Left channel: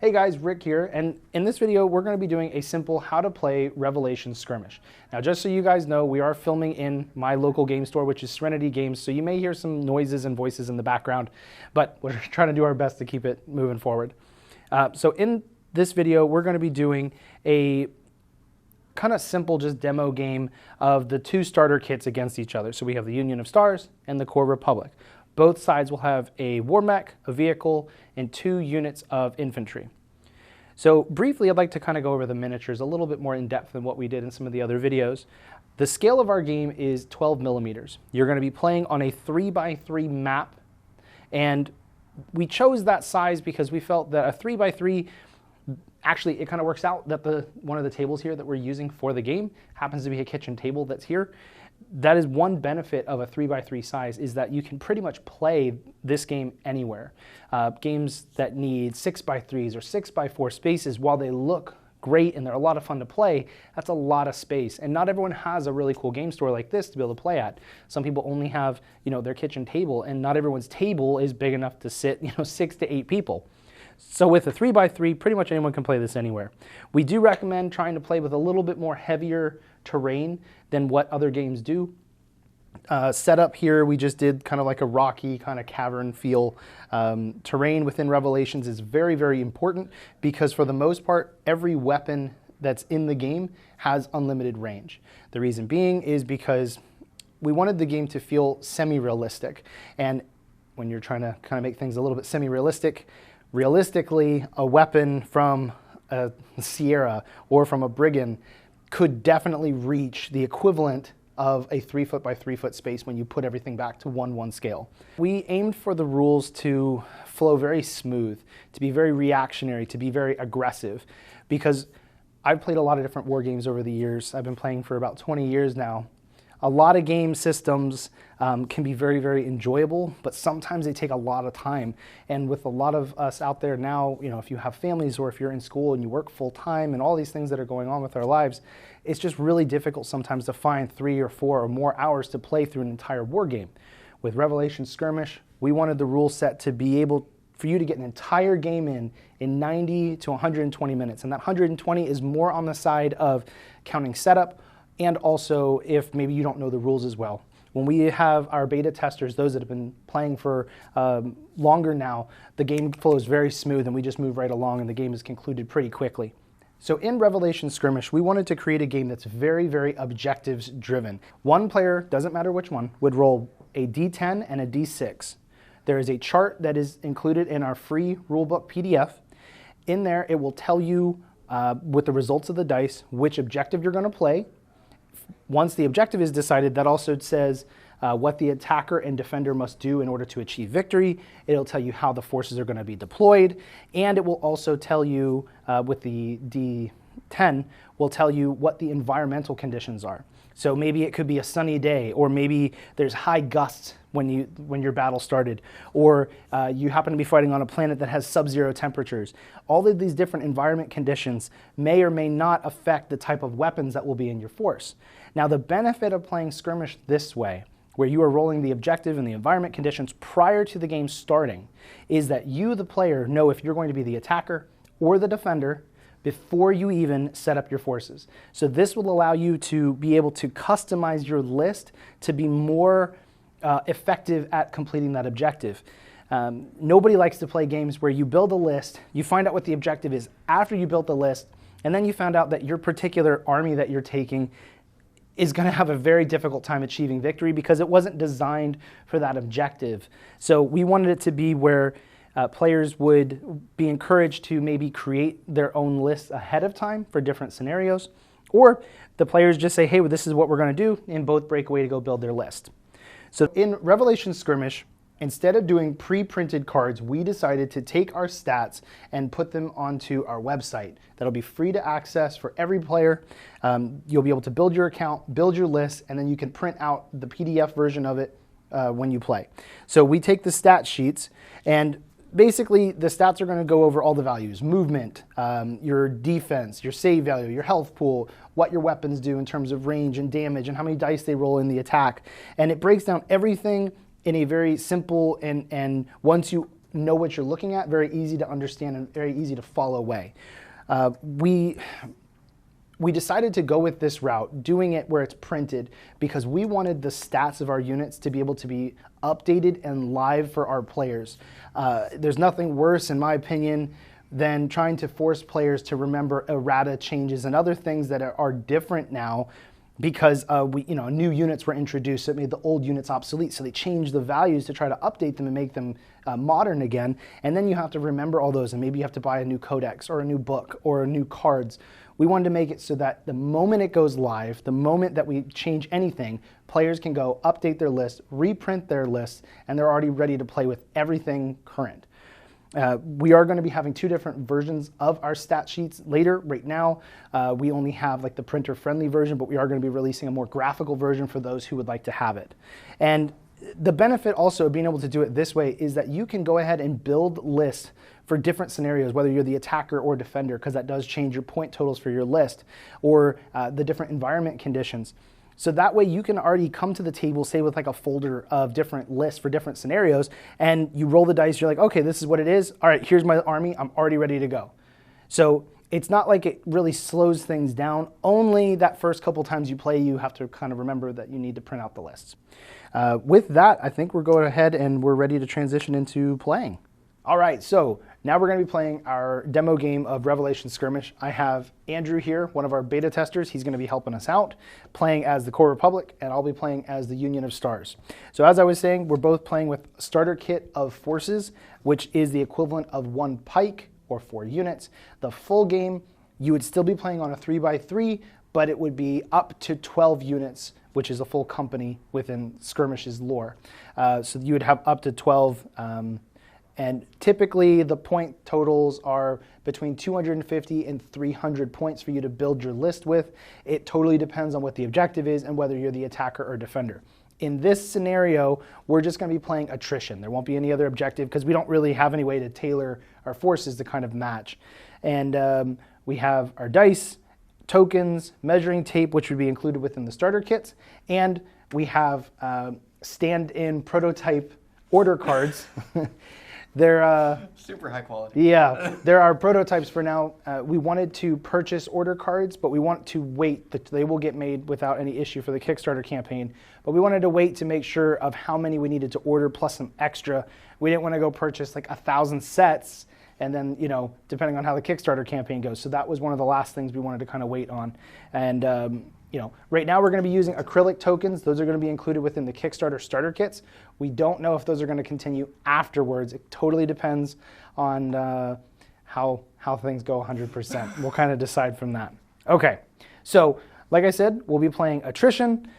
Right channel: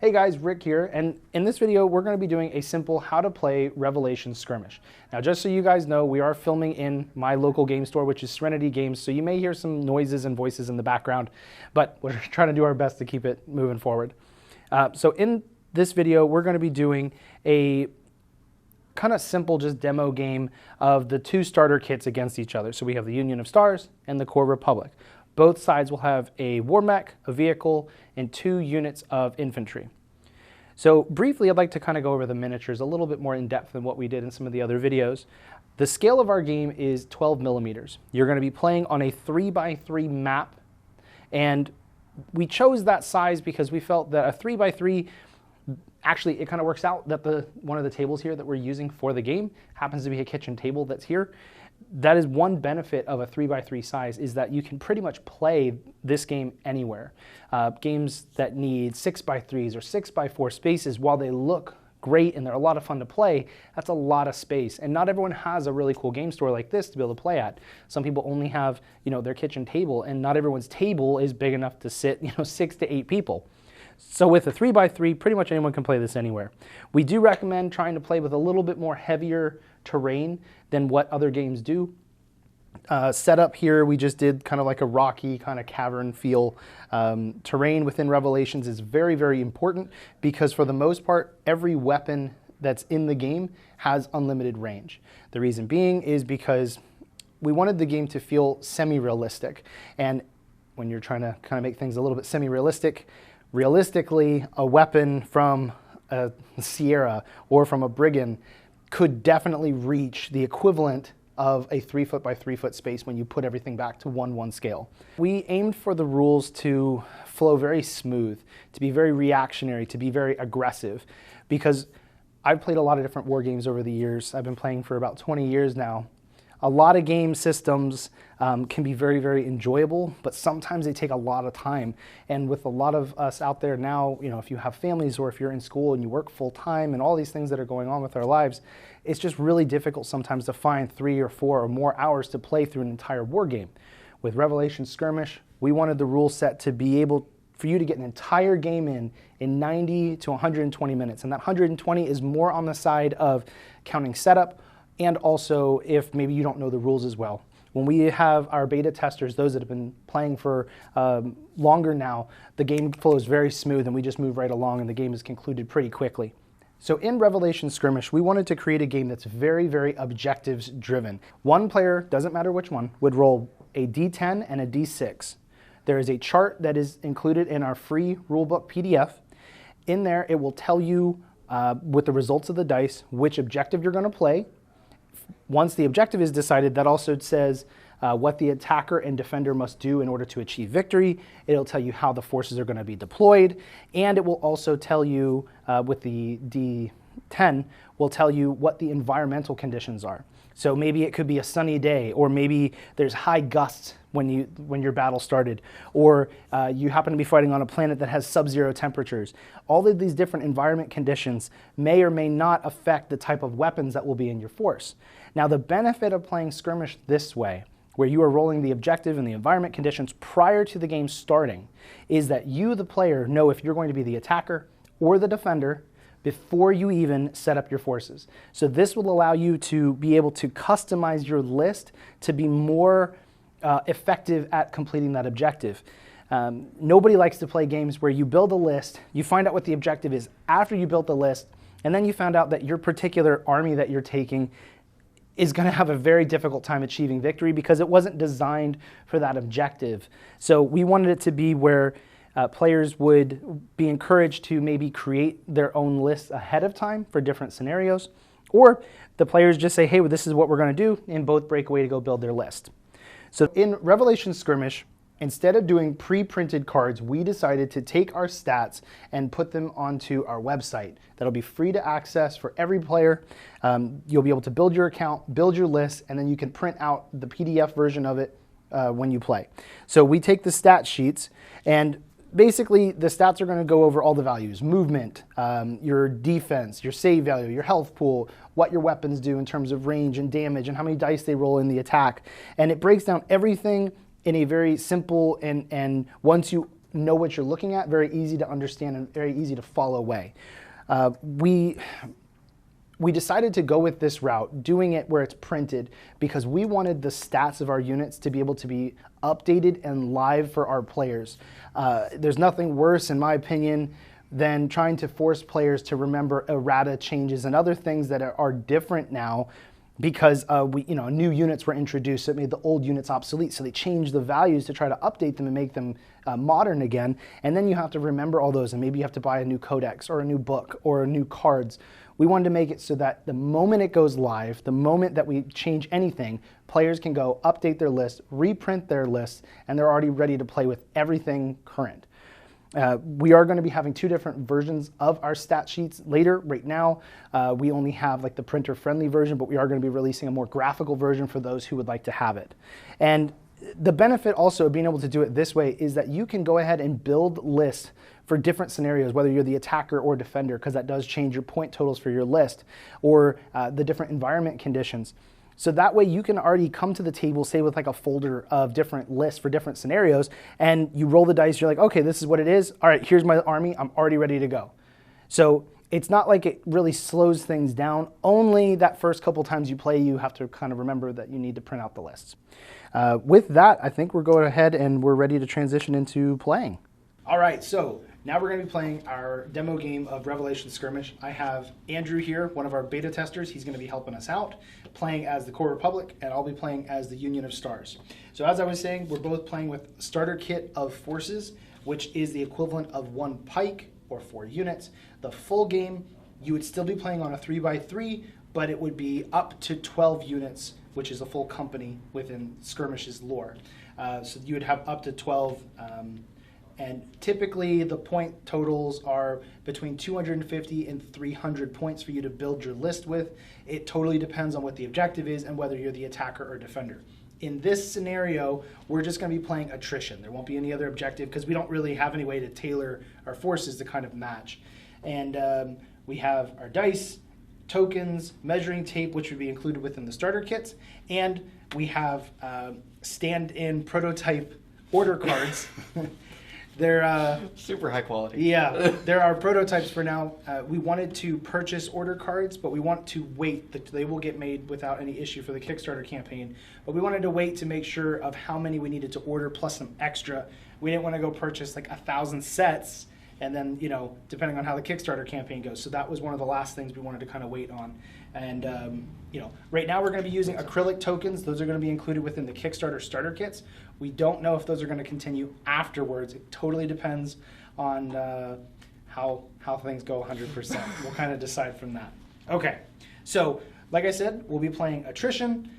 Hey guys, Rick here, and in this video we're going to be doing a simple how to play Revelation Skirmish. Now just so you guys know, we are filming in my local game store, which is Serenity Games, so you may hear some noises and voices in the background, but we're trying to do our best to keep it moving forward. So in this video we're going to be doing a kind of simple just demo game of the two starter kits against each other. So we have the Union of Stars and the Core Republic. Both sides will have a war mech, a vehicle, and 2 units of infantry. So briefly, I'd like to kind of go over the miniatures a little bit more in depth than what we did in some of the other videos. The scale of our game is 12 millimeters. You're going to be playing on a 3x3 map, and we chose that size because we felt that a 3x3, actually it kind of works out that one of the tables here that we're using for the game happens to be a kitchen table that's here. That is one benefit of a 3x3 size, is that you can pretty much play this game anywhere. Games that need 6x3s or 6x4 spaces, while they look great and they're a lot of fun to play, that's a lot of space. And not everyone has a really cool game store like this to be able to play at. Some people only have, their kitchen table, and not everyone's table is big enough to sit, 6 to 8 people. So with a 3x3, pretty much anyone can play this anywhere. We do recommend trying to play with a little bit more heavier terrain than what other games do. Setup here, we just did kind of like a rocky kind of cavern feel. Terrain within Revelations is very, very important because for the most part, every weapon that's in the game has unlimited range. The reason being is because we wanted the game to feel semi-realistic. And when you're trying to kind of make things a little bit semi-realistic, realistically, a weapon from a Sierra or from a Brigand could definitely reach the equivalent of a 3 foot by 3 foot space when you put everything back to 1:1 scale. We aimed for the rules to flow very smooth, to be very reactionary, to be very aggressive, because I've played a lot of different war games over the years. I've been playing for about 20 years now. A lot of game systems can be very, very enjoyable, but sometimes they take a lot of time. And with a lot of us out there now, if you have families or if you're in school and you work full time and all these things that are going on with our lives, it's just really difficult sometimes to find 3 or 4 or more hours to play through an entire war game. With Revelation Skirmish, we wanted the rule set to be able for you to get an entire game in 90 to 120 minutes. And that 120 is more on the side of counting setup, and also if maybe you don't know the rules as well. When we have our beta testers, those that have been playing for longer now, the game flows very smooth and we just move right along and the game is concluded pretty quickly. So in Revelation Skirmish, we wanted to create a game that's very, very objectives driven. One player, doesn't matter which one, would roll a D10 and a D6. There is a chart that is included in our free rulebook PDF. In there, it will tell you with the results of the dice which objective you're going to play. Once the objective is decided, that also says what the attacker and defender must do in order to achieve victory. It'll tell you how the forces are going to be deployed, and it will also tell you, with the D10, will tell you what the environmental conditions are. So maybe it could be a sunny day, or maybe there's high gusts when your battle started, or you happen to be fighting on a planet that has sub-zero temperatures. All of these different environment conditions may or may not affect the type of weapons that will be in your force. Now, the benefit of playing Skirmish this way, where you are rolling the objective and the environment conditions prior to the game starting, is that you, the player, know if you're going to be the attacker or the defender before you even set up your forces. So this will allow you to be able to customize your list to be more effective at completing that objective. Nobody likes to play games where you build a list, you find out what the objective is after you built the list, and then you found out that your particular army that you're taking is going to have a very difficult time achieving victory because it wasn't designed for that objective. So we wanted it to be where players would be encouraged to maybe create their own lists ahead of time for different scenarios, or the players just say, hey, well, this is what we're going to do, and both break away to go build their list. So in Revelation Skirmish, instead of doing pre-printed cards, we decided to take our stats and put them onto our website. That'll be free to access for every player. You'll be able to build your account, build your list, and then you can print out the PDF version of it when you play. So we take the stat sheets, and basically the stats are going to go over all the values: movement, your defense, your save value, your health pool, what your weapons do in terms of range and damage, and how many dice they roll in the attack. And it breaks down everything in a very simple, and once you know what you're looking at, very easy to understand, and very easy to follow away. We decided to go with this route, doing it where it's printed, because we wanted the stats of our units to be able to be updated and live for our players. There's nothing worse, in my opinion, than trying to force players to remember errata changes and other things that are different now because new units were introduced that made the old units obsolete. So they changed the values to try to update them and make them modern again. And then you have to remember all those, and maybe you have to buy a new codex or a new book or new cards. We wanted to make it so that the moment it goes live, the moment that we change anything, players can go update their list, reprint their list, and they're already ready to play with everything current. We are going to be having 2 different versions of our stat sheets later. Right now, we only have like the printer-friendly version, but we are going to be releasing a more graphical version for those who would like to have it. And the benefit also of being able to do it this way is that you can go ahead and build lists for different scenarios, whether you're the attacker or defender, because that does change your point totals for your list, or the different environment conditions. So that way you can already come to the table, say with like a folder of different lists for different scenarios, and you roll the dice, you're like, okay, this is what it is. All right, here's my army, I'm already ready to go. So it's not like it really slows things down. Only that first couple times you play, you have to kind of remember that you need to print out the lists. With that, I think we're going ahead and we're ready to transition into playing. All right, so now we're going to be playing our demo game of Revelation Skirmish. I have Andrew here, one of our beta testers. He's going to be helping us out, playing as the Core Republic, and I'll be playing as the Union of Stars. So as I was saying, we're both playing with starter kit of forces, which is the equivalent of 1 pike or 4 units. The full game, you would still be playing on a 3x3, but it would be up to 12 units, which is a full company within Skirmish's lore. So you would have up to 12. And typically the point totals are between 250 and 300 points for you to build your list with. It totally depends on what the objective is and whether you're the attacker or defender. In this scenario, we're just going to be playing attrition. There won't be any other objective because we don't really have any way to tailor our forces to kind of match. And we have our dice, tokens, measuring tape, which would be included within the starter kits, and we have stand-in prototype order cards. They're super high quality. Yeah, there are prototypes for now. We wanted to purchase order cards, but we want to wait. They will get made without any issue for the Kickstarter campaign. But we wanted to wait to make sure of how many we needed to order plus some extra. We didn't want to go purchase like 1,000 sets and then, depending on how the Kickstarter campaign goes. So that was one of the last things we wanted to kind of wait on. And right now we're going to be using acrylic tokens. Those are going to be included within the Kickstarter starter kits. We don't know if those are going to continue afterwards. It totally depends on how things go 100%. We'll kind of decide from that. Okay, so like I said, we'll be playing attrition.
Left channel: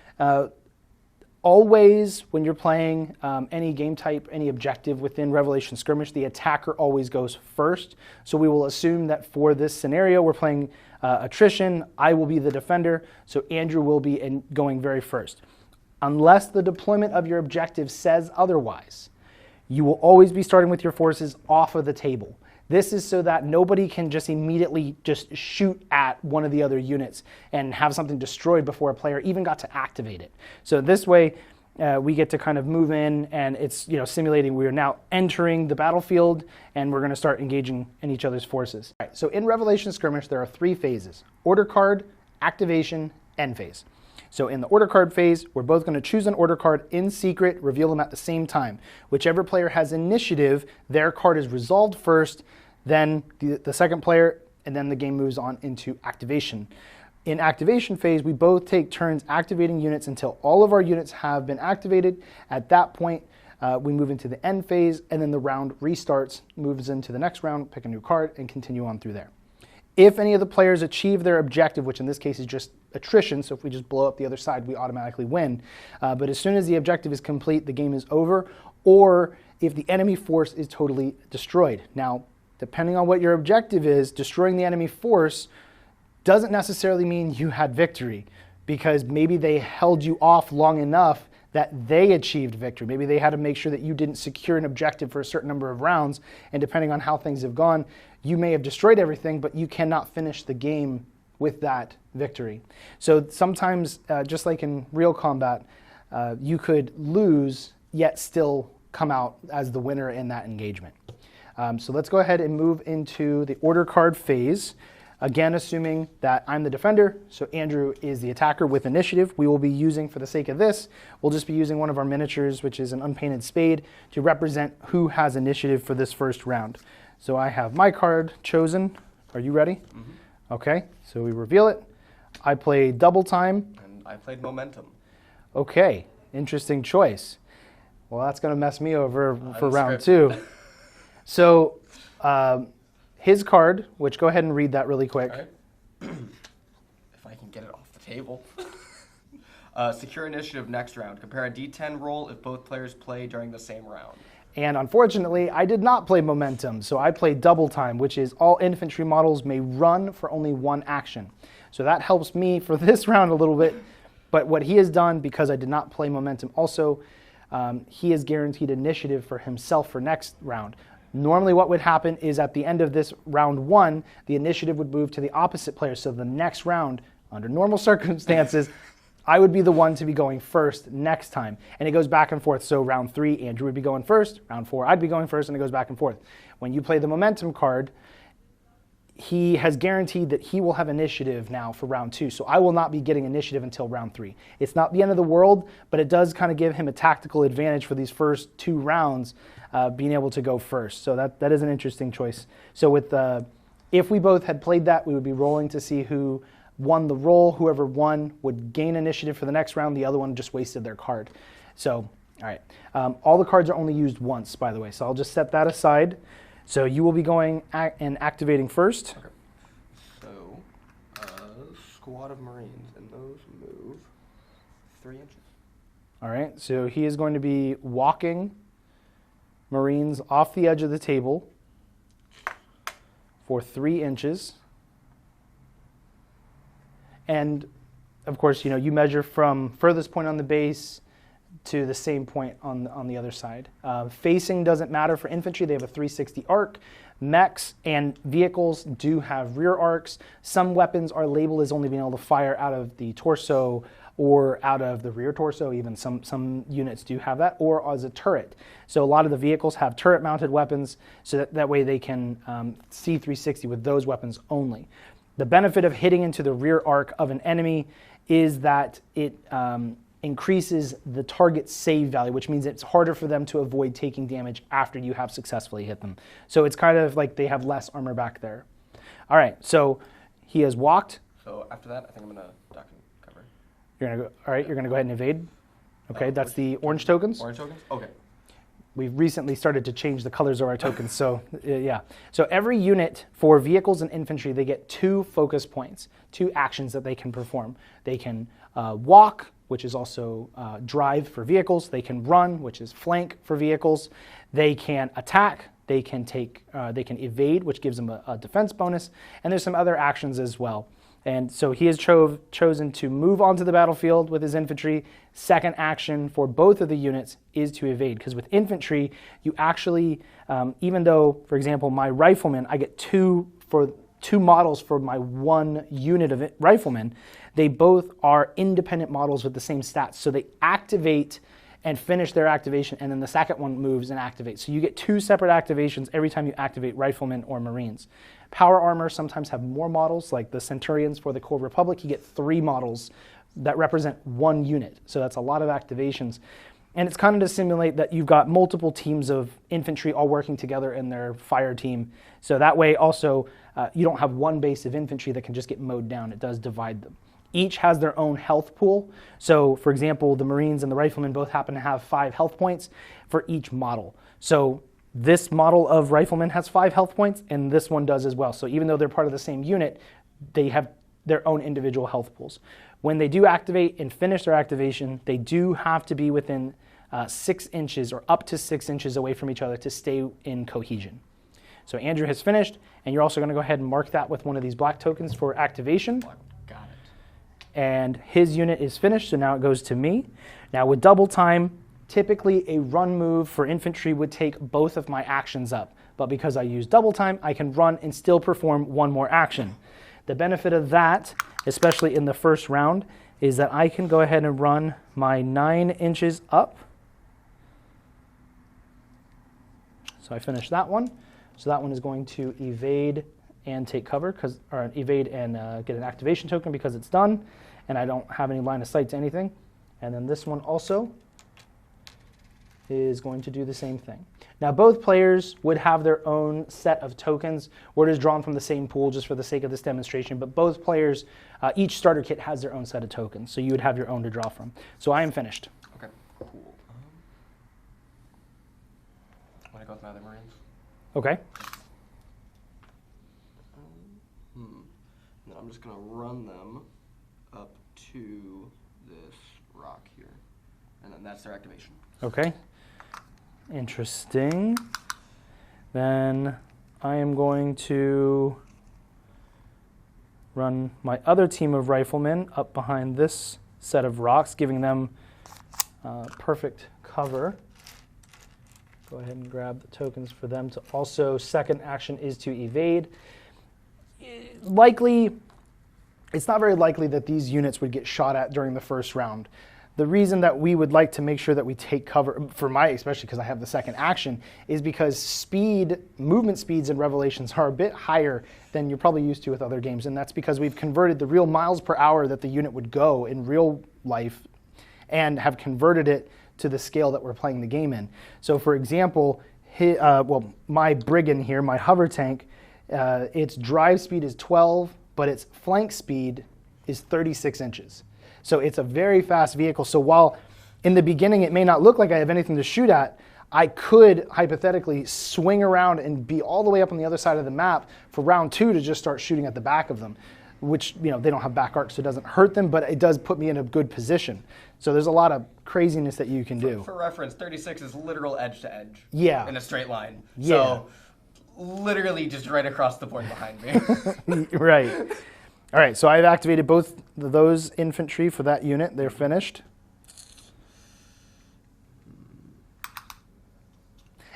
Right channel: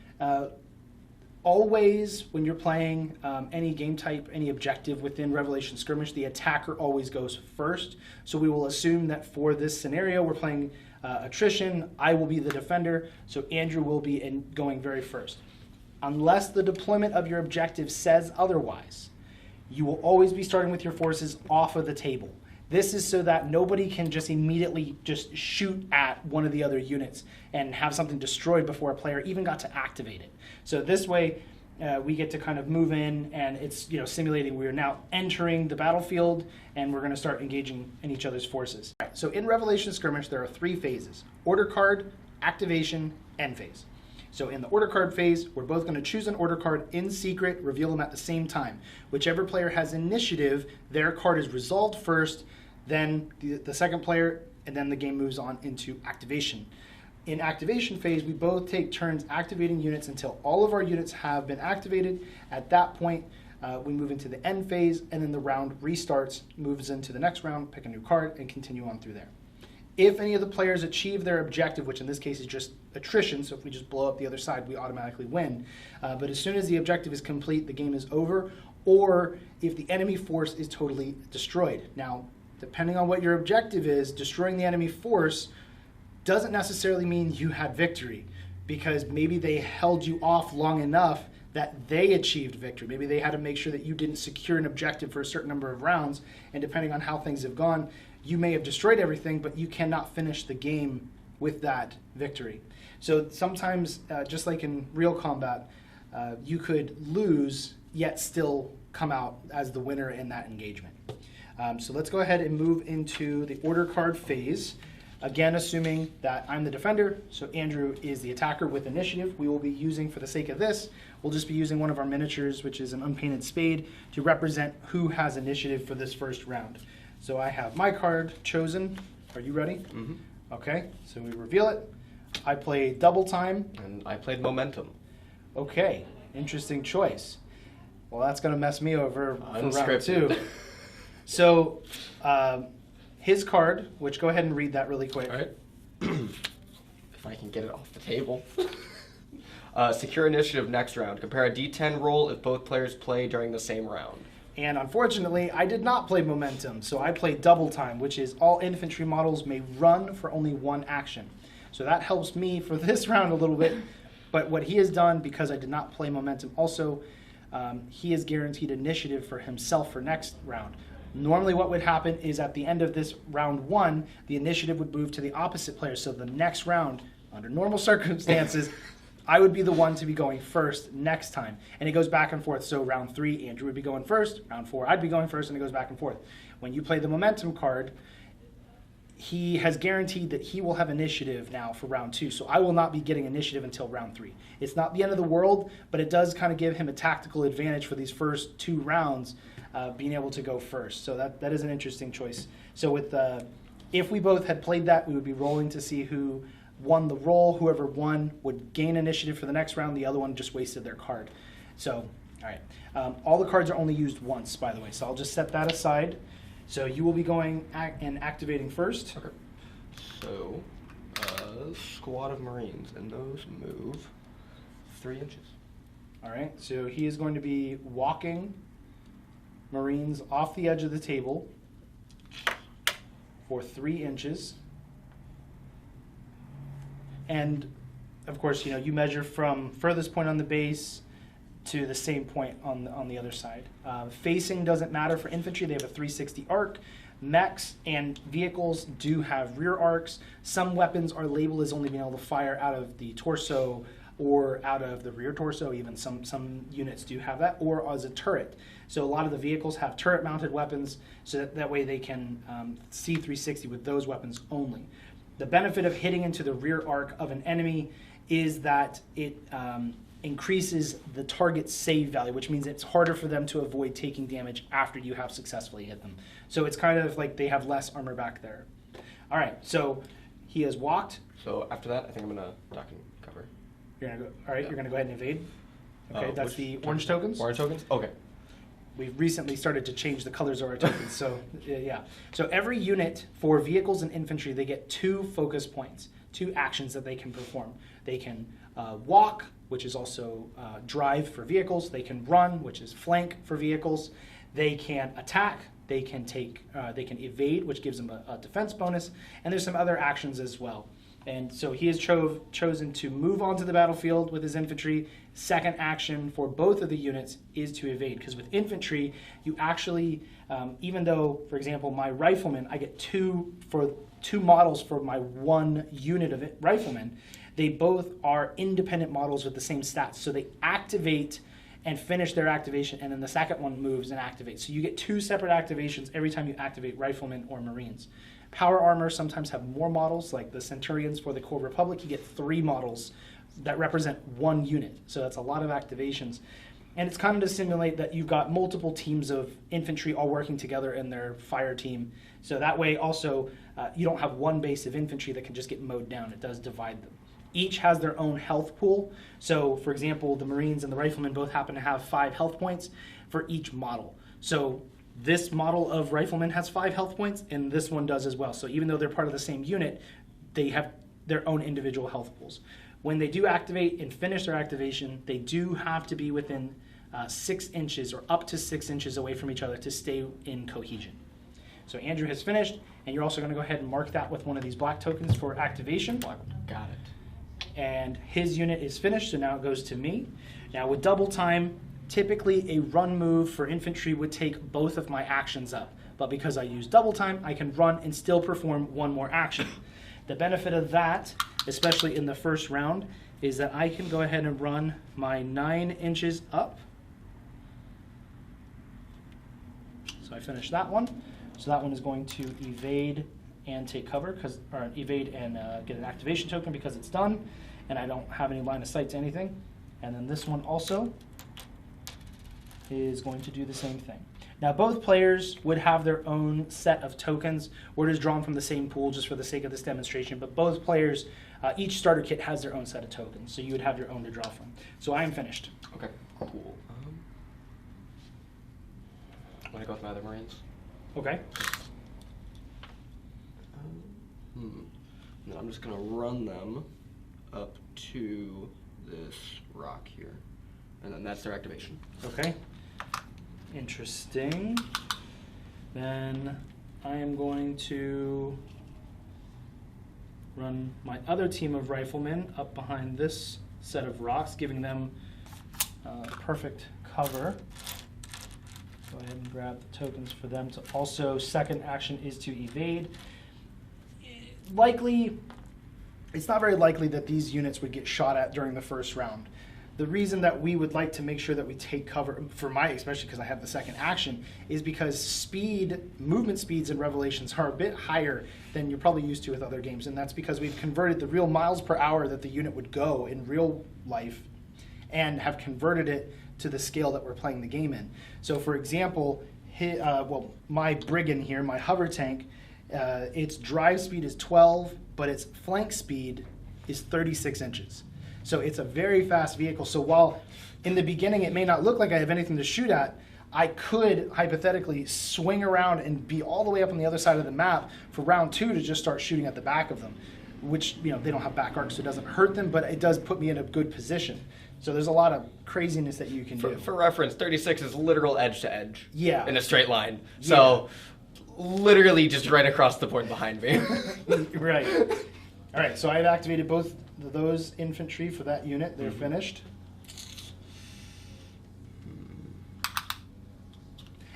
Always, when you're playing any game type, any objective within Revelation Skirmish, the attacker always goes first. So we will assume that for this scenario, we're playing attrition. I will be the defender, so Andrew will be going very first. Unless the deployment of your objective says otherwise, you will always be starting with your forces off of the table. This is so that nobody can just immediately just shoot at one of the other units and have something destroyed before a player even got to activate it. So this way, we get to kind of move in, and it's simulating we are now entering the battlefield, and we're going to start engaging in each other's forces. All right, so in Revelation Skirmish, there are 3 phases: order card, activation, end phase. So in the order card phase, we're both going to choose an order card in secret, reveal them at the same time. Whichever player has initiative, their card is resolved first, then the second player, and then the game moves on into activation. In activation phase, we both take turns activating units until all of our units have been activated. At that point, we move into the end phase, and then the round restarts, moves into the next round, pick a new card, and continue on through there. If any of the players achieve their objective, which in this case is just attrition, so if we just blow up the other side, we automatically win. But as soon as the objective is complete, the game is over, or if the enemy force is totally destroyed. Now, depending on what your objective is, destroying the enemy force doesn't necessarily mean you had victory, because maybe they held you off long enough that they achieved victory. Maybe they had to make sure that you didn't secure an objective for a certain number of rounds, and depending on how things have gone, you may have destroyed everything, but you cannot finish the game with that victory. So sometimes, just like in real combat, you could lose, yet still come out as the winner in that engagement. So let's go ahead and move into the order card phase. Again, assuming that I'm the defender, so Andrew is the attacker with initiative. We will be using, for the sake of this, we'll just be using one of our miniatures, which is an unpainted spade, to represent who has initiative for this first round. So I have my card chosen. Are you ready? Mm-hmm. Okay, so we reveal it. I play double time. And I played momentum. Okay, interesting choice. Well, that's going to mess me over for round 2. So his card, which go ahead and read that really quick. All right. If I can get it off the table. Secure initiative next round. Compare a D10 roll if both players play during the same round. And unfortunately, I did not play momentum, so I played double time, which is all infantry models may run for only one action. So that helps me for this round a little bit. But what he has done, because I did not play momentum also, he is guaranteed initiative for himself for next round. Normally what would happen is at the end of this round 1, the initiative would move to the opposite player. So the next round, under normal circumstances, I would be the one to be going first next time. And it goes back and forth. So round 3, Andrew would be going first. Round 4, I'd be going first, and it goes back and forth. When you play the momentum card, he has guaranteed that he will have initiative now for round 2. So I will not be getting initiative until round 3. It's not the end of the world, but it does kind of give him a tactical advantage for these first 2 rounds, being able to go first. So that is an interesting choice. So with if we both had played that, we would be rolling to see who won the roll. Whoever won would gain initiative for the next round. The other one just wasted their card. So, all right. All the cards are only used once, by the way. So I'll just set that aside. So you will be going and activating first. Okay. So, squad of Marines, and those move 3 inches. All right. So he is going to be walking Marines off the edge of the table for 3 inches. And of course, you measure from furthest point on the base to the same point on the other side. Facing doesn't matter for infantry. They have a 360 arc. Mechs and vehicles do have rear arcs. Some weapons are labeled as only being able to fire out of the torso or out of the rear torso. Even some units do have that, or as a turret. So a lot of the vehicles have turret-mounted weapons, so that way they can see 360 with those weapons only. The benefit of hitting into the rear arc of an enemy is that it increases the target's save value, which means it's harder for them to avoid taking damage after you have successfully hit them. So it's kind of like they have less armor back there. All right, so he has walked. So after that, I think I'm going to duck and cover. You're going to go. All right, you're going to go ahead and evade. Okay, that's the orange tokens. Orange tokens? Okay. We've recently started to change the colors of our tokens, so yeah. So every unit for vehicles and infantry, they get 2 focus points, 2 actions that they can perform. They can walk, which is also drive for vehicles. They can run, which is flank for vehicles. They can attack. They can evade, which gives them a defense bonus. And there's some other actions as well. And so he has chosen to move onto the battlefield with his infantry. Second action for both of the units is to evade, because with infantry, you actually, even though, for example, my riflemen, I get 2 models for my 1 unit of riflemen, they both are independent models with the same stats. So they activate and finish their activation, and then the second one moves and activates. So you get 2 separate activations every time you activate riflemen or Marines. Power armor sometimes have more models, like the Centurions for the Core Republic. You get 3 models that represent 1 unit. So that's a lot of activations. And it's kind of to simulate that you've got multiple teams of infantry all working together in their fire team. So that way also you don't have one base of infantry that can just get mowed down. It does divide them. Each has their own health pool. So for example, the Marines and the Riflemen both happen to have 5 health points for each model. So this model of Rifleman has 5 health points, and this one does as well. So even though they're part of the same unit, they have their own individual health pools. When they do activate and finish their activation, they do have to be within 6 inches or up to 6 inches away from each other to stay in cohesion. So Andrew has finished, and you're also going to go ahead and mark that with one of these black tokens for activation. Got it. And his unit is finished, so now it goes to me. Now with double time, typically a run move for infantry would take both of my actions up. But because I use double time, I can run and still perform 1 more action. The benefit of that, especially in the first round, is that I can go ahead and run my 9 inches up. So I finished that one. So that one is going to evade and take cover, or evade and get an activation token because it's done, and I don't have any line of sight to anything. And then this one also is going to do the same thing. Now both players would have their own set of tokens. We're just drawn from the same pool just for the sake of this demonstration, but both players, each starter kit has their own set of tokens, so you would have your own to draw from. So I am finished. Okay, cool. I'm going to go with my other Marines. Okay. Then I'm just going to run them up to this rock here. And then that's their activation. Okay. Interesting. Then I am going to run my other team of riflemen up behind this set of rocks, giving them perfect cover. Go ahead and grab the tokens for them to also, second action is to evade. Likely, it's not very likely that these units would get shot at during the first round. The reason that we would like to make sure that we take cover, for my, especially because I have the second action, is because movement speeds in Revelations are a bit higher than you're probably used to with other games, and that's because we've converted the real miles per hour that the unit would go in real life and have converted it to the scale that we're playing the game in. So for example, my Brigand here, my hover tank, its drive speed is 12, but its flank speed is 36 inches. So it's a very fast vehicle. So while in the beginning it may not look like I have anything to shoot at, I could hypothetically swing around and be all the way up on the other side of the map for round 2 to just start shooting at the back of them, which, they don't have back arcs, so it doesn't hurt them, but it does put me in a good position. So there's a lot of craziness that you can do. For reference, 36 is literal edge to edge. Yeah. In a straight line. Yeah. So literally just right across the board behind me. Right. All right, so I've activated both those infantry for that unit. They're finished.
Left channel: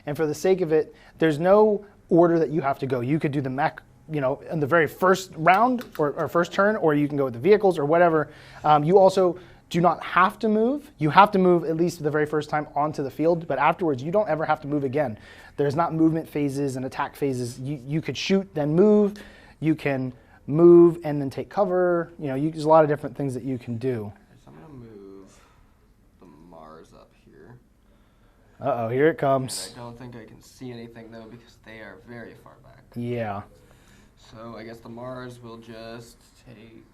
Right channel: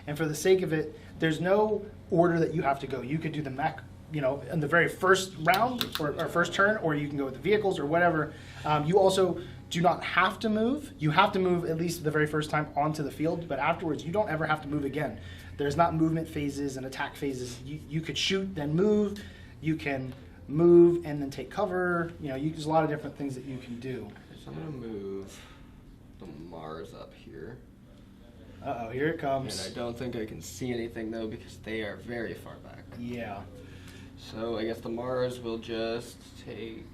And for the sake of it, there's no order that you have to go. You could do the mech, in the very first round or first turn, or you can go with the vehicles or whatever. You also do not have to move. You have to move at least the very first time onto the field, but afterwards you don't ever have to move again. There's not movement phases and attack phases. You could shoot, then move. You can move and then take cover. There's a lot of different things that you can do. So I'm going to move the Mars up here. Uh-oh, here it comes. And I don't think I can see anything, though, because they are very far back. Yeah. So I guess the Mars will just take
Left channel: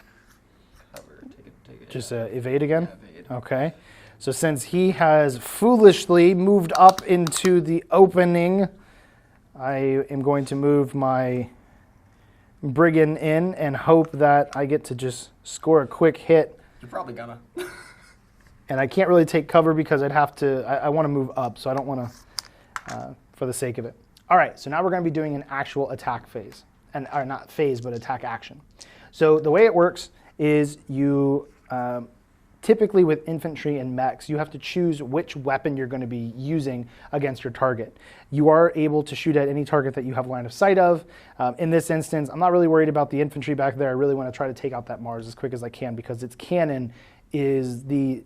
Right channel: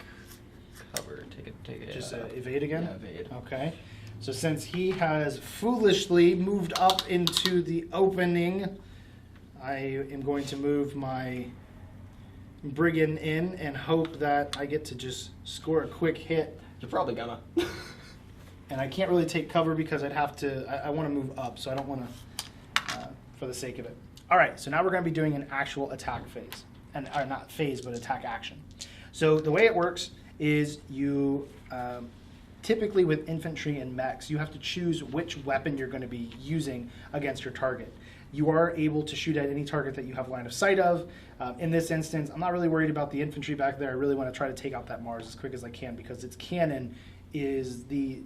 cover. Take it. Just evade again? Yeah, evade. Okay. So since he has foolishly moved up into the opening, I am going to move my Brigand in and hope that I get to just score a quick hit. You're probably gonna. And I can't really take cover because I'd have to, I want to move up, so I don't want to, for the sake of it. All right, so now we're going to be doing an actual attack phase. Or not phase, but attack action. So the way it works is you, typically with infantry and mechs, you have to choose which weapon you're going to be using against your target. You are able to shoot at any target that you have line of sight of. In this instance, I'm not really worried about the infantry back there. I really want to try to take out that Mars as quick as I can because its cannon is the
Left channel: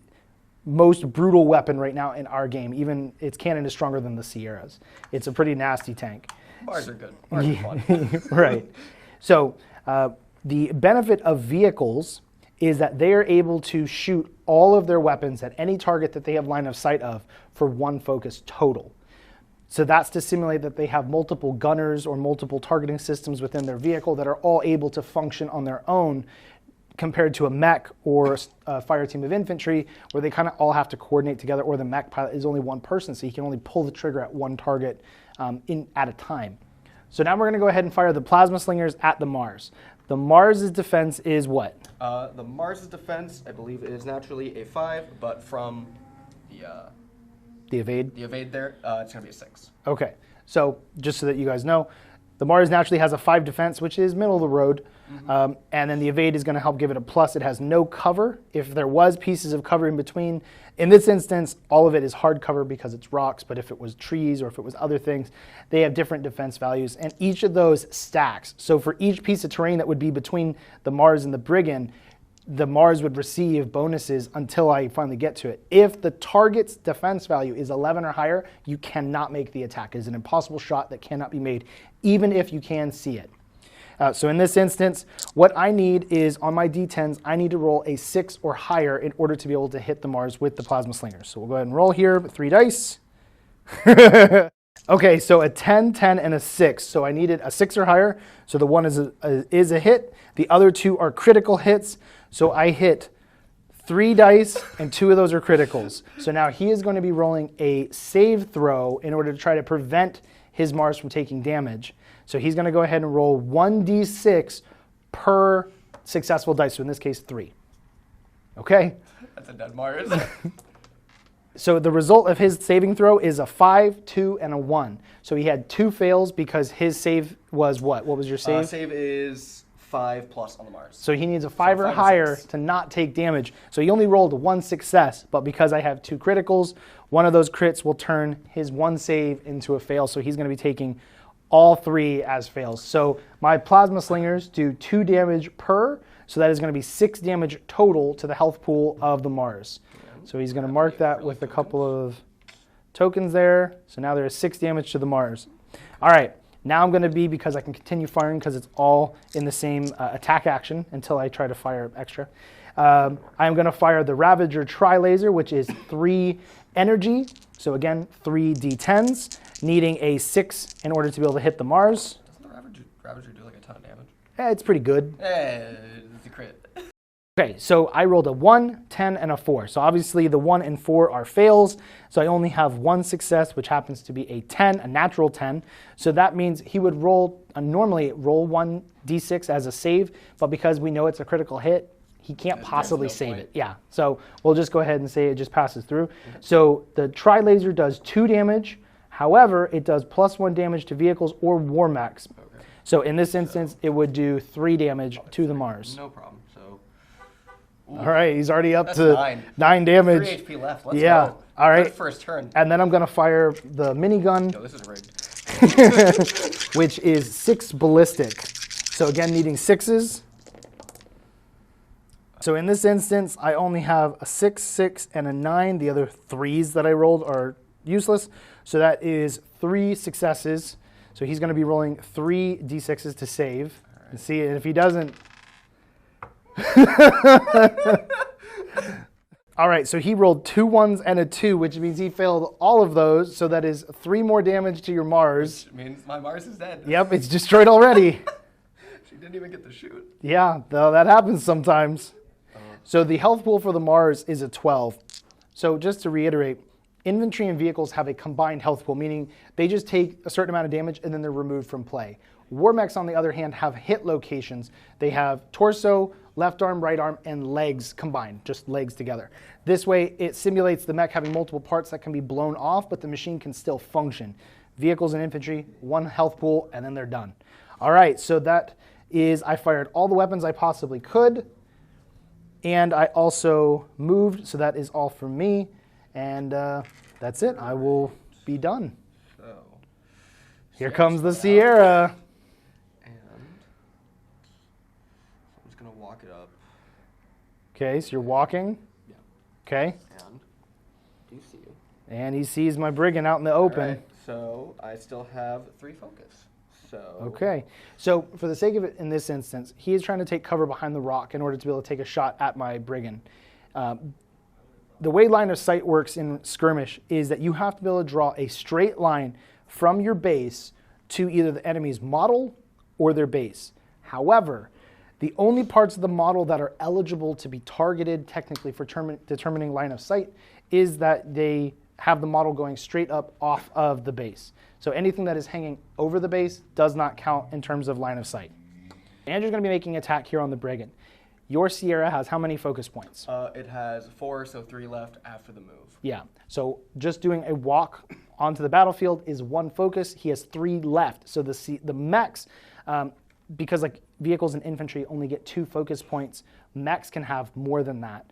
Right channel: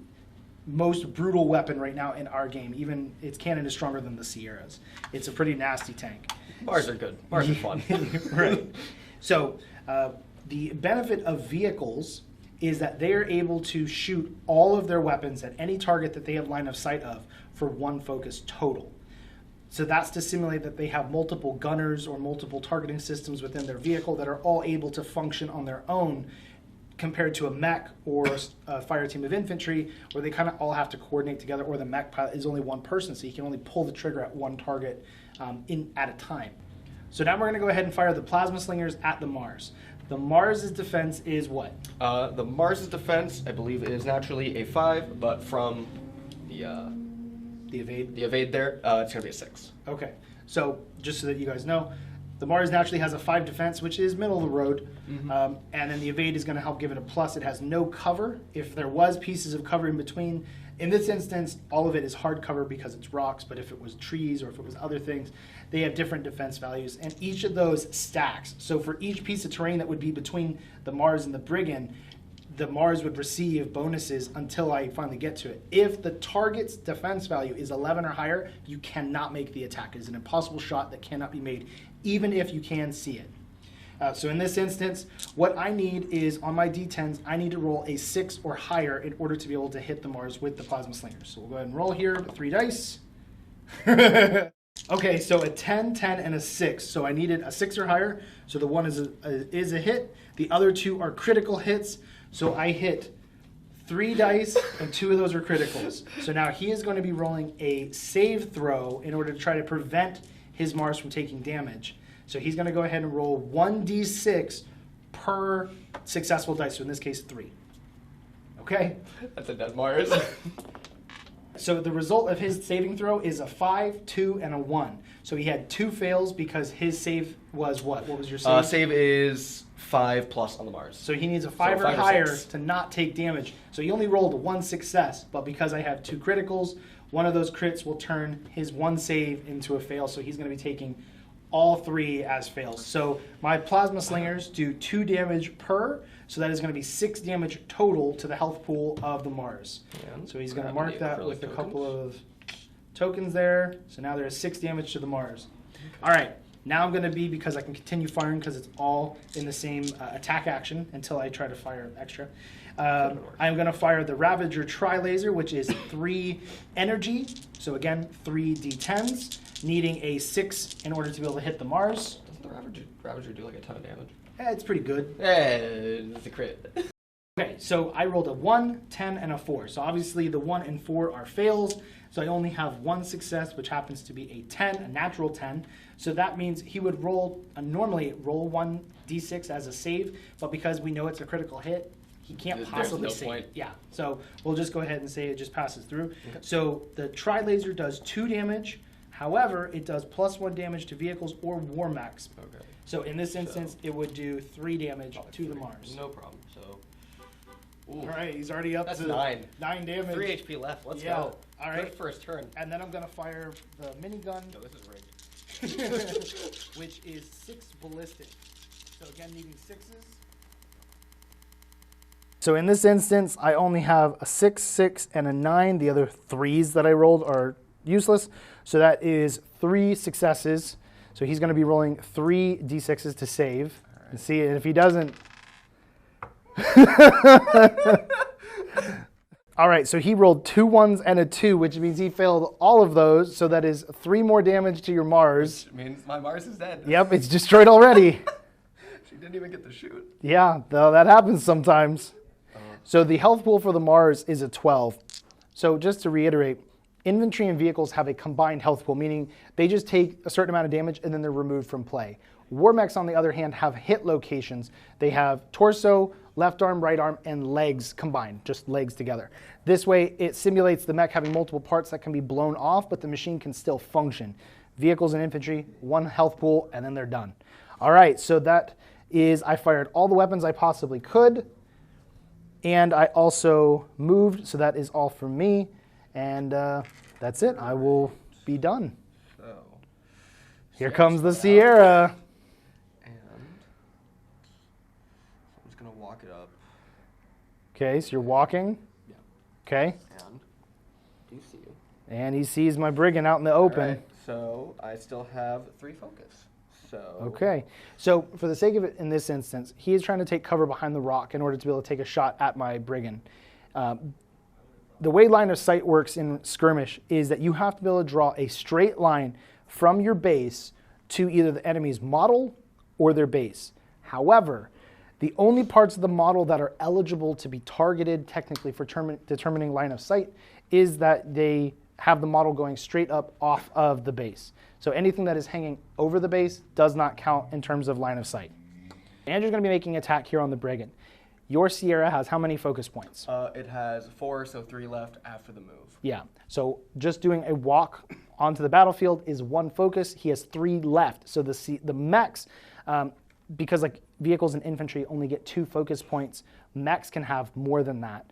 most brutal weapon right now in our game. Even its cannon is stronger than the Sierras. It's a pretty nasty tank. Mars are good. Mars are fun. Right. So the benefit of vehicles is that they are able to shoot all of their weapons at any target that they have line of sight of for one focus total. So that's to simulate that they have multiple gunners or multiple targeting systems within their vehicle that are all able to function on their own compared to a mech or a fire team of infantry where they kind of all have to coordinate together, or the mech pilot is only one person, so he can only pull the trigger at one target at a time. So now we're going to go ahead and fire the plasma slingers at the Mars. The Mars's defense is what? The Mars's defense, I believe, is naturally a 5, but from The evade? the evade there, it's going to be a 6. Okay, so just so that you guys know, the Mars naturally has a 5 defense, which is middle of the road, and then the evade is going to help give it a plus. It has no cover. If there was pieces of cover in between, in this instance, all of it is hard cover because it's rocks, but if it was trees or if it was other things, they have different defense values, and each of those stacks. So for each piece of terrain that would be between the Mars and the Brigand, the Mars would receive bonuses until I finally get to it. If the target's defense value is 11 or higher, you cannot make the attack. It is an impossible shot that cannot be made, even if you can see it. So in this instance, what I need is on my D10s, I need to roll a 6 or higher in order to be able to hit the Mars with the plasma slingers. So we'll go ahead and roll here with 3 dice. Okay, so a 10, 10, and a 6. So I needed a 6 or higher. So the one is a hit. The other 2 are critical hits. So I hit 3 dice, and 2 of those are criticals. So now he is going to be rolling a save throw in order to try to prevent his Mars from taking damage. So he's going to go ahead and roll 1d6 per successful dice. So in this case, 3. Okay? That's a dead Mars. So the result of his saving throw is a 5, 2, and a 1. So he had 2 fails because his save was what? What was your save? Save is 5 plus on the Mars. So he needs a 5 or higher to not take damage. So he only rolled 1 success, but because I have 2 criticals, one of those crits will turn his 1 save into a fail. So he's going to be taking all 3 as fails. So my plasma slingers do 2 damage per, so that is going to be 6 damage total to the health pool of the Mars. Yeah. So he's going to mark that with a couple of tokens there. So now there is 6 damage to the Mars. All right, now I'm going to be, because I can continue firing because it's all in the same attack action until I try to fire extra. I'm going to fire the Ravager Tri-Laser, which is 3 energy. So again, 3 D10s, needing a 6 in order to be able to hit the Mars. Doesn't the Ravager do like a ton of damage? It's pretty good. It's a crit. Okay, so I rolled a 1, 10, and a 4. So obviously the 1 and 4 are fails. So I only have 1 success, which happens to be a 10, a natural 10. So that means he would normally roll 1d6 as a save, but because we know it's a critical hit, he can't possibly save it. Yeah, so we'll just go ahead and say it just passes through. Okay. So the Tri-Laser does 2 damage. However, it does +1 damage to vehicles or war mechs. Okay. So in this instance, it would do 3 damage to the Mars. No problem. So, all right, he's already up to 9 damage. 3 HP left. Let's go. All right. First turn. And then I'm going to fire the minigun. No, this is rigged. Which is 6 ballistic. So again, needing 6s. So in this instance, I only have a 6, 6, and a 9. The other 3s that I rolled are useless. So that is 3 successes. So he's going to be rolling 3 d6s to save. Right. And see, and if he doesn't... All right, so he rolled 2 1s and a 2, which means he failed all of those. So that is 3 more damage to your Mars. Which means my Mars is dead. Yep, it's destroyed already. She didn't even get to shoot. Yeah, though that happens sometimes. So the health pool for the Mars is a 12. So just to reiterate, infantry and vehicles have a combined health pool, meaning they just take a certain amount of damage and then they're removed from play. War mechs, on the other hand, have hit locations. They have torso, left arm, right arm, and legs combined, just legs together. This way, it simulates the mech having multiple parts that can be blown off, but the machine can still function. Vehicles and infantry, 1 health pool, and then they're done. All right, so that is, I fired all the weapons I possibly could, and I also moved, so that is all from me, and that's it. I will be done. Here comes the Sierra. And I'm just going to walk it up. Okay, so you're walking. Yeah. Okay. And do you see you? And he sees my brigand out in the open. All right, so I still have 3 focus. So Okay, so for the sake of it in this instance, he is trying to take cover behind the rock in order to be able to take a shot at my brigand. The way line of sight works in Skirmish is that you have to be able to draw a straight line from your base to either the enemy's model or their base. However, the only parts of the model that are eligible to be targeted technically for determining line of sight is that they have the model going straight up off of the base. So anything that is hanging over the base does not count in terms of line of sight. Andrew's going to be making an attack here on the brigand. Your Sierra has how many focus points? It has 4, so 3 left after the move. Yeah, so just doing a walk onto the battlefield is 1 focus. He has 3 left. So the mechs, because like vehicles and infantry only get 2 focus points, mechs can have more than that.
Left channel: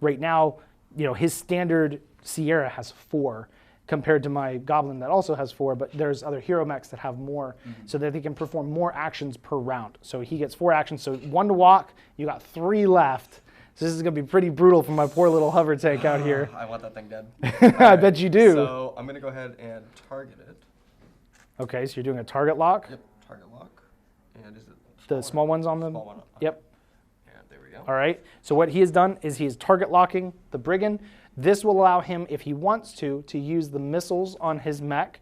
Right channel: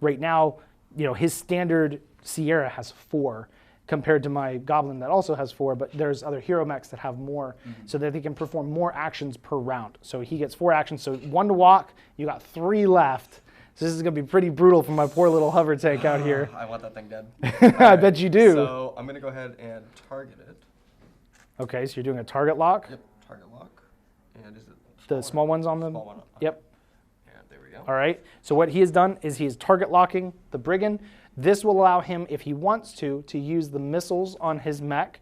Right now, his standard Sierra has 4 compared to my Goblin that also has 4, but there's other hero mechs that have more, so that they can perform more actions per round. So he gets 4 actions, so 1 to walk, you got 3 left. So this is going to be pretty brutal for my poor little hover tank out here. I want that thing dead. I bet you do. So I'm going to go ahead and target it. Okay, so you're doing a target lock. Yep, target lock. And is it The small ones on the... small one? Yep. And there we go. All right, so what he has done is he is target locking the brigand. This will allow him, if he wants to use the missiles on his mech,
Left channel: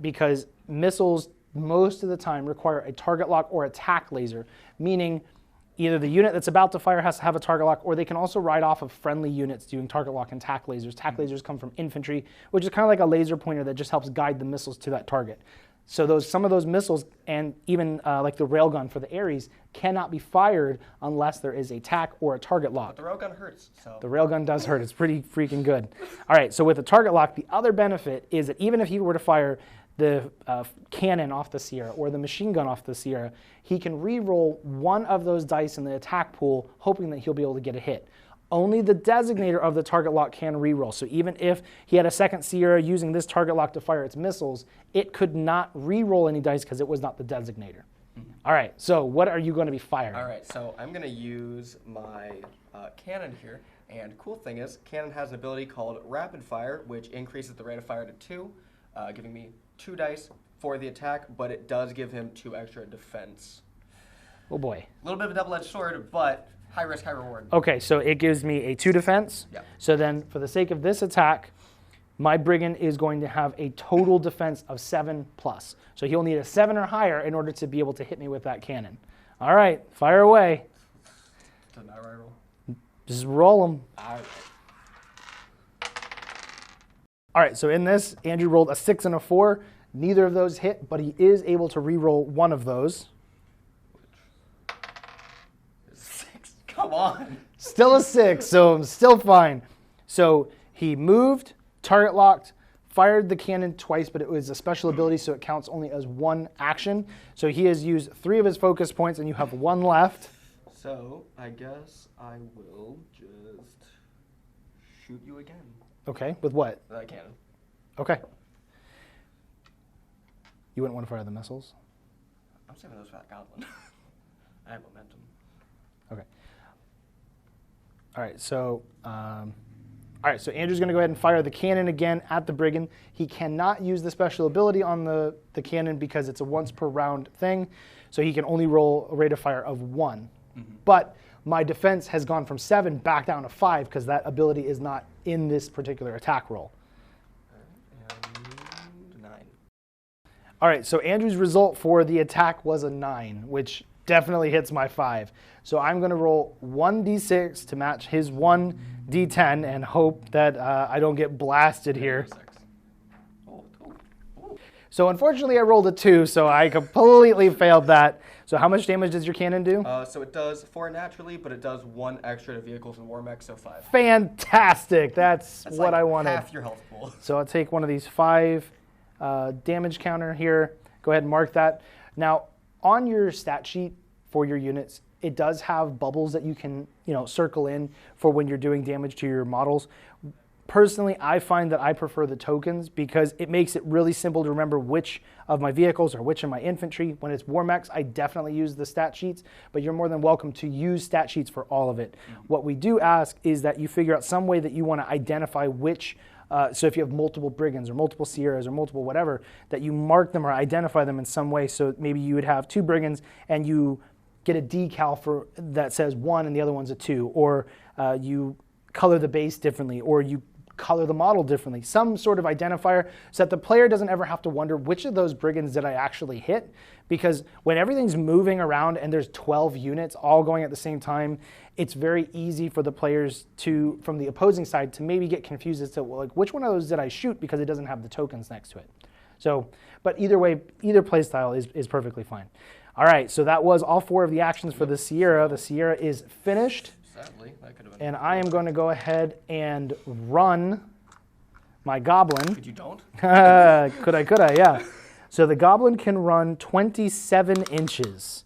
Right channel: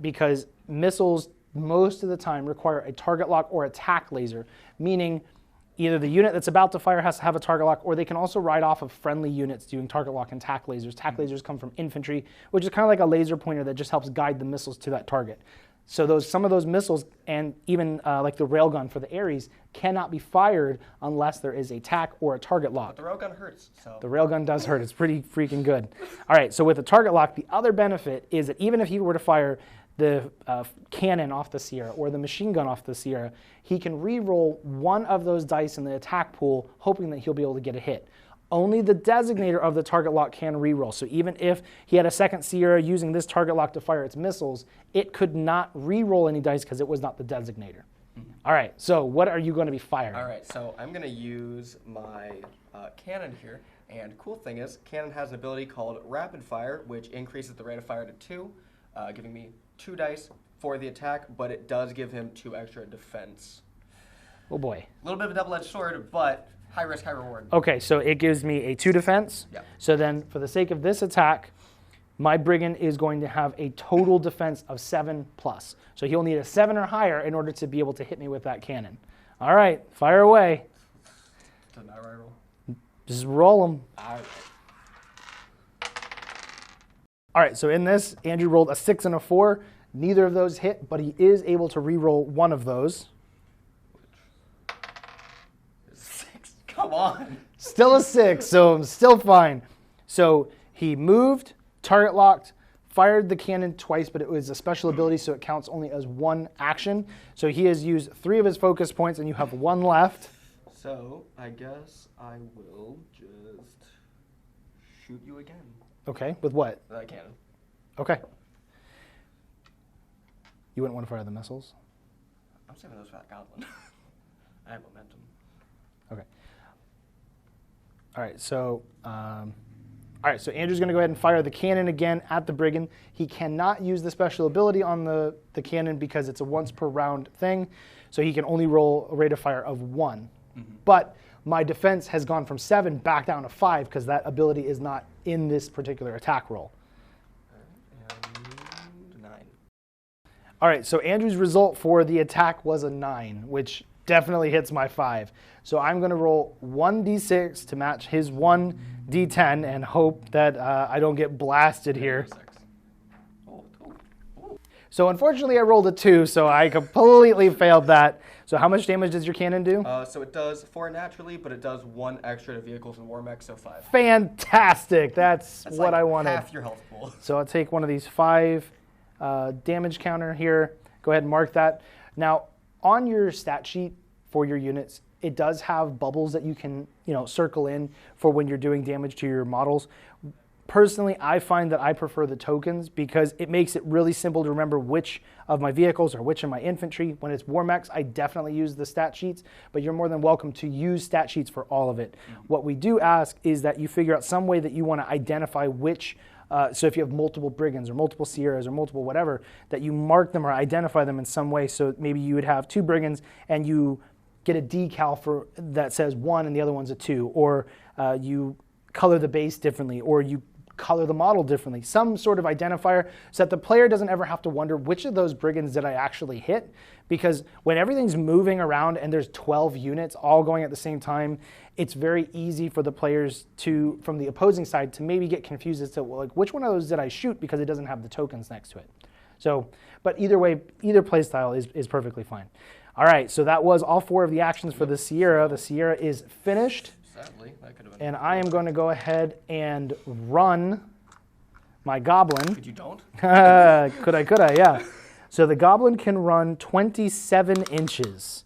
because missiles most of the time require a target lock or attack laser, meaning either the unit that's about to fire has to have a target lock, or they can also ride off of friendly units doing target lock and tack lasers. Tack lasers come from infantry, which is kind of like a laser pointer that just helps guide the missiles to that target. So some of those missiles, and even like the railgun for the Ares, cannot be fired unless there is a tack or a target lock. But the railgun hurts. So. The railgun does hurt. It's pretty freaking good. All right, so with the target lock, the other benefit is that even if he were to fire the cannon off the Sierra or the machine gun off the Sierra, he can re-roll one of those dice in the attack pool, hoping that he'll be able to get a hit. Only the designator of the target lock can re-roll. So even if he had a second Sierra using this target lock to fire its missiles, it could not re-roll any dice because it was not the designator. All right, so what are you going to be firing? All right, so I'm going to use my cannon here. And cool thing is, cannon has an ability called rapid fire, which increases the rate of fire to 2, giving me 2 dice for the attack, but it does give him 2 extra defense. Oh boy. A little bit of a double-edged sword, but high risk, high reward. Okay, so it gives me a 2 defense. Yeah. So then for the sake of this attack, my brigand is going to have a total defense of 7+. So he'll need a 7 or higher in order to be able to hit me with that cannon. All right, fire away. Doesn't matter what I roll. Just roll them. All right. All right, so in this, Andrew rolled a 6 and a 4. Neither of those hit, but he is able to re-roll one of those. 6. Come on. Still a 6, so I'm still fine. So he moved, target locked, fired the cannon twice, but it was a special ability, so it counts only as 1 action. So he has used 3 of his focus points, and you have 1 left. So I guess I will just shoot you again. Okay, with what? Cannon. Okay. You wouldn't want to fire the missiles? I'm saving those for that goblin. I have momentum. Okay. All right, so Andrew's going to go ahead and fire the cannon again at the brigand. He cannot use the special ability on the cannon because it's a once per round thing, so he can only roll a rate of fire of 1. Mm-hmm. But my defense has gone from 7 back down to 5 because that ability is not in this particular attack roll. And 9. All right, so Andrew's result for the attack was a 9, which definitely hits my 5. So I'm going to roll 1d6 to match his 1d10 and hope that I don't get blasted here. So unfortunately I rolled a 2, so I completely failed that. So how much damage does your cannon do? So it does 4 naturally, but it does 1 extra to vehicles and war mech, so 5. Fantastic. That's what like I wanted. half your health pool. So I'll take one of these 5 damage counter here. Go ahead and mark that. Now, on your stat sheet for your units, it does have bubbles that you can, circle in for when you're doing damage to your models. Personally, I find that I prefer the tokens because it makes it really simple to remember which of my vehicles or which of my infantry. When it's war mechs, I definitely use the stat sheets, but you're more than welcome to use stat sheets for all of it. Mm-hmm. What we do ask is that you figure out some way that you want to identify which, so if you have multiple brigands or multiple Sierras or multiple whatever, that you mark them or identify them in some way. So maybe you would have 2 brigands and you get a decal for that says 1 and the other one's a 2, or you color the base differently, or you color the model differently, some sort of identifier so that the player doesn't ever have to wonder which of those brigands did I actually hit, because when everything's moving around and there's 12 units all going at the same time, it's very easy for the players to, from the opposing side, to maybe get confused as to which one of those did I shoot because it doesn't have the tokens next to it. So, but either way, either play style is perfectly fine. All right, so that was all 4 of the actions for the Sierra. The Sierra is finished. Sadly, that could have been. And I am going to go ahead and run my goblin. Could you don't? Could I, yeah. So the goblin can run 27 inches.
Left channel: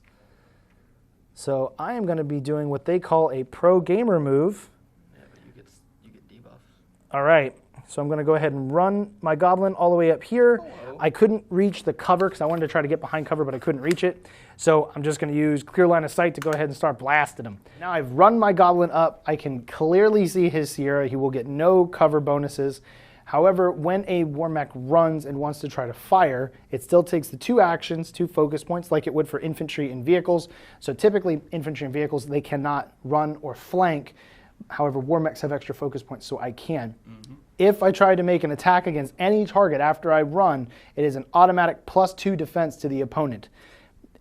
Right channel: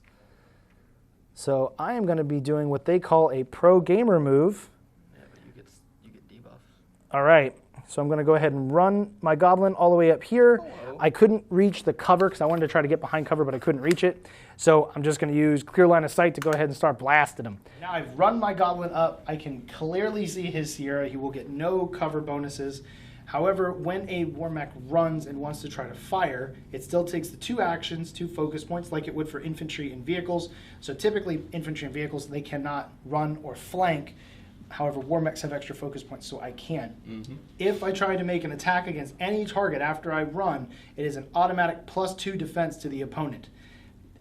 So I am going to be doing what they call a pro gamer move. Yeah, but you get debuffs. All right. So I'm going to go ahead and run my goblin all the way up here. Hello. I couldn't reach the cover because I wanted to try to get behind cover, but I couldn't reach it. So I'm just going to use clear line of sight to go ahead and start blasting him. Now I've run my goblin up. I can clearly see his Sierra. He will get no cover bonuses. However, when a war mech runs and wants to try to fire, it still takes the 2 actions, 2 focus points, like it would for infantry and vehicles. So typically, infantry and vehicles, they cannot run or flank. However, war mechs have extra focus points, so I can. If I try to make an attack against any target after I run, it is an automatic +2 defense to the opponent.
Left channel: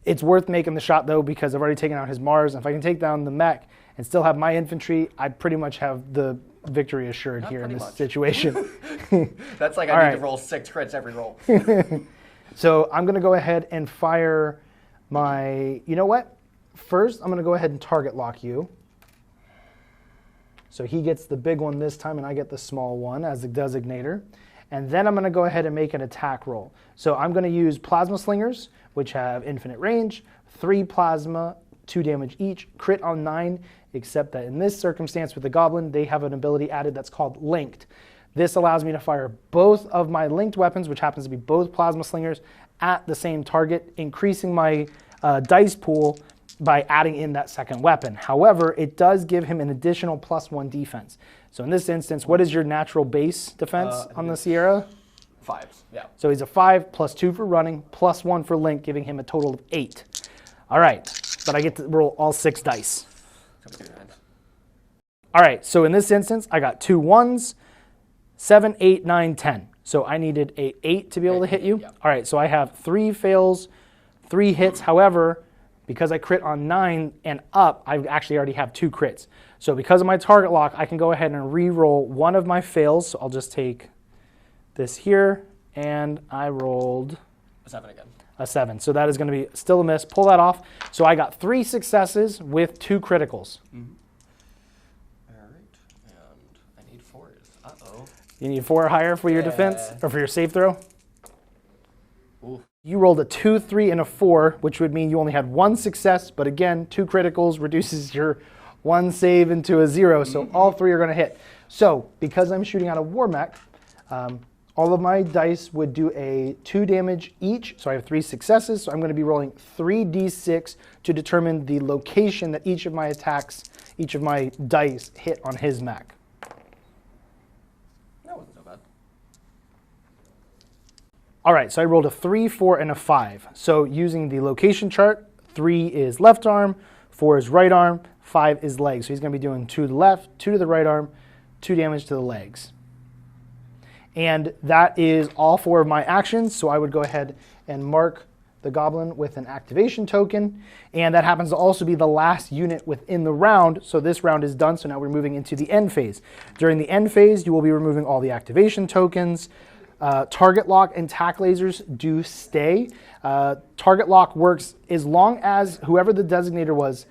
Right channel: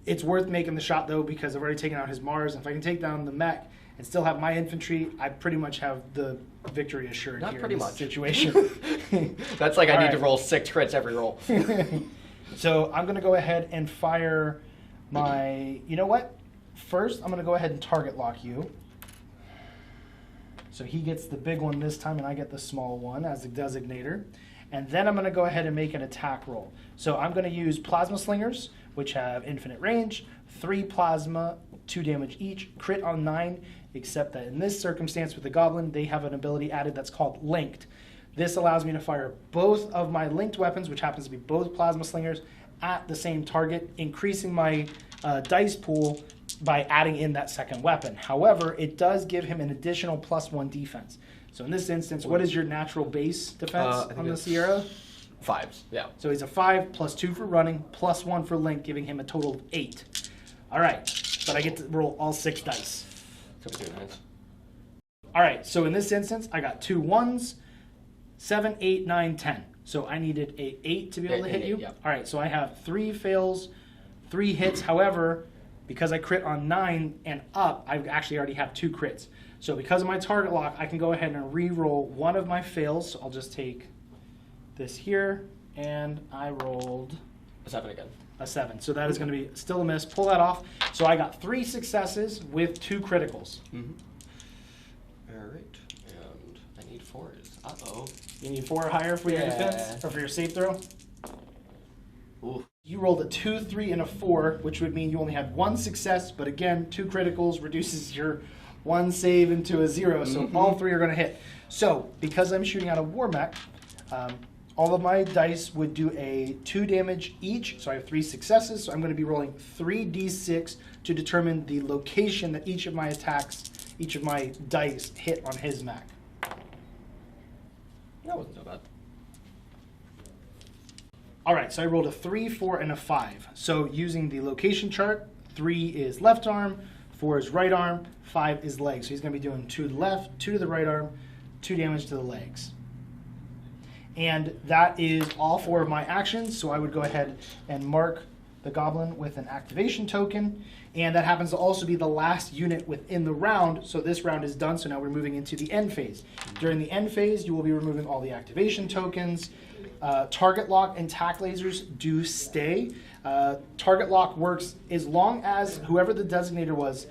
It's worth making the shot, though, because I've already taken out his Mars. If I can take down the mech and still have my infantry, I pretty much have the victory assured here in this situation. That's like I need to roll 6 crits every roll. So I'm going to go ahead and fire my... You know what? First, I'm going to go ahead and target lock you. So he gets the big one this time, and I get the small one as the designator. And then I'm going to go ahead and make an attack roll. So I'm going to use Plasma Slingers, which have infinite range, 3 plasma, 2 damage each, crit on 9, except that in this circumstance with the Goblin, they have an ability added that's called Linked. This allows me to fire both of my linked weapons, which happens to be both Plasma Slingers, at the same target, increasing my dice pool by adding in that second weapon. However, it does give him an additional +1 defense. So in this instance, what is your natural base defense on the Sierra? 5s, yeah. So he's a 5, +2 for running, +1 for link, giving him a total of 8. All right, but I get to roll all 6 dice. All right, so in this instance, I got 2 1s, 7, 8, 9, 10. So I needed a 8 to be able to hit you. Yeah. All right, so I have 3 fails, 3 hits. However, because I crit on 9 and up, I actually already have 2 crits. So because of my target lock, I can go ahead and re-roll one of my fails. So I'll just take this here, and I rolled a 7 again. A 7. So that is going to be still a miss. Pull that off. So I got 3 successes with 2 criticals. All right, and I need 4s. Uh-oh. You need 4 or higher for your defense, or for your save throw? Ooh. You rolled a 2, 3, and a 4, which would mean you only had 1 success, but again, 2 criticals reduces your 1 save into a 0, so all 3 are going to hit. So, because I'm shooting out a war mech, all of my dice would do a 2 damage each, so I have 3 successes, so I'm going to be rolling 3d6 to determine the location that each of my attacks, each of my dice hit on his mech. That wasn't so bad. All right, so I rolled a 3, 4, and a 5. So using the location chart, 3 is left arm, 4 is right arm, 5 is legs. So he's going to be doing 2 to the left, 2 to the right arm, 2 damage to the legs. And that is all 4 of my actions, so I would go ahead and mark the Goblin with an activation token, and that happens to also be the last unit within the round, so this round is done, so now we're moving into the end phase. During the end phase, you will be removing all the activation tokens. Target lock and tack lasers do stay. Target lock works as long as whoever the designator was,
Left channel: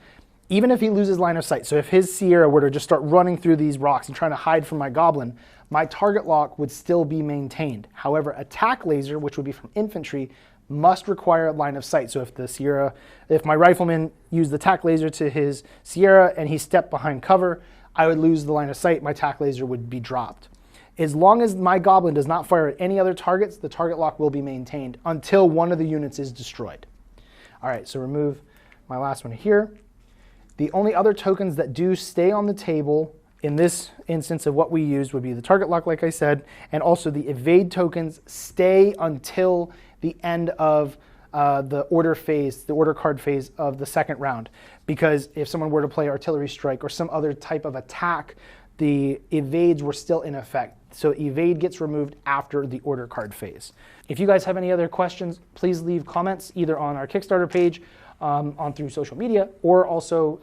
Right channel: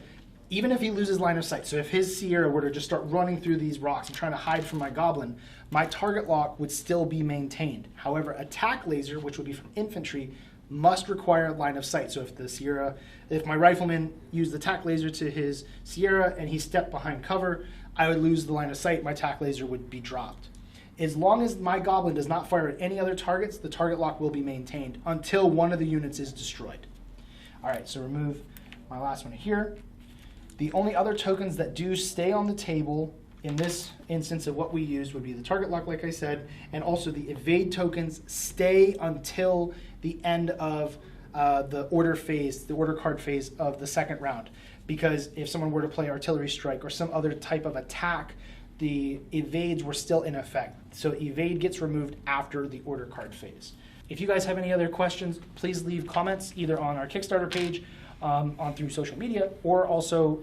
even if he loses line of sight, so if his Sierra were to just start running through these rocks and trying to hide from my Goblin, my target lock would still be maintained. However, attack laser, which would be from infantry, must require a line of sight. So if my rifleman used the tack laser to his Sierra and he stepped behind cover, I would lose the line of sight, my tack laser would be dropped. As long as my Goblin does not fire at any other targets, the target lock will be maintained until one of the units is destroyed. All right, so remove my last one here. The only other tokens that do stay on the table in this instance of what we used would be the target lock, like I said, and also the evade tokens stay until the end of the order phase, the order card phase of the second round. Because if someone were to play artillery strike or some other type of attack, the evades were still in effect. So evade gets removed after the order card phase. If you guys have any other questions, please leave comments either on our Kickstarter page, on through social media, or also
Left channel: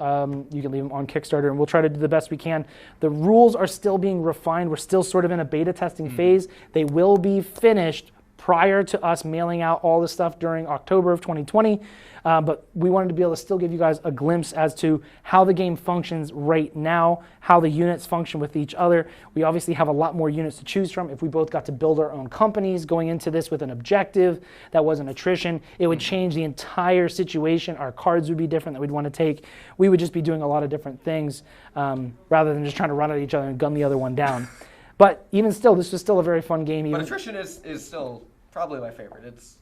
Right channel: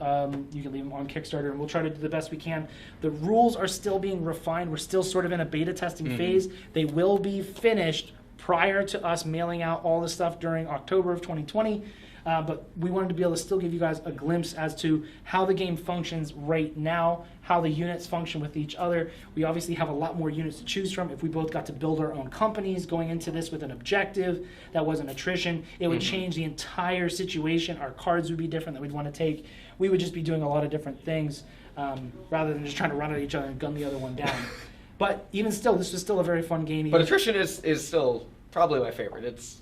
you can leave them on Kickstarter, and we'll try to do the best we can. The rules are still being refined. We're still sort of in a beta testing phase. They will be finished prior to us mailing out all the stuff during October of 2020. But we wanted to be able to still give you guys a glimpse as to how the game functions right now, how the units function with each other. We obviously have a lot more units to choose from. If we both got to build our own companies going into this with an objective that wasn't attrition, it would change the entire situation. Our cards would be different that we'd want to take. We would just be doing a lot of different things rather than just trying to run at each other and gun the other one down. But even still, this was still a very fun game. But attrition is still Probably my favorite. It's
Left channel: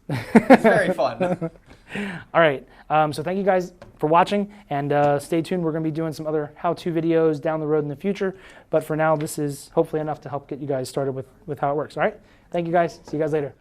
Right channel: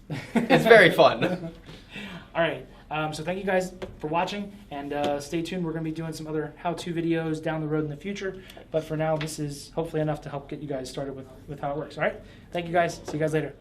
very fun. All right. So thank you guys for watching, and stay tuned. We're going to be doing some other how-to videos down the road in the future. But for now, this is hopefully enough to help get you guys started with how it works. All right. Thank you guys. See you guys later.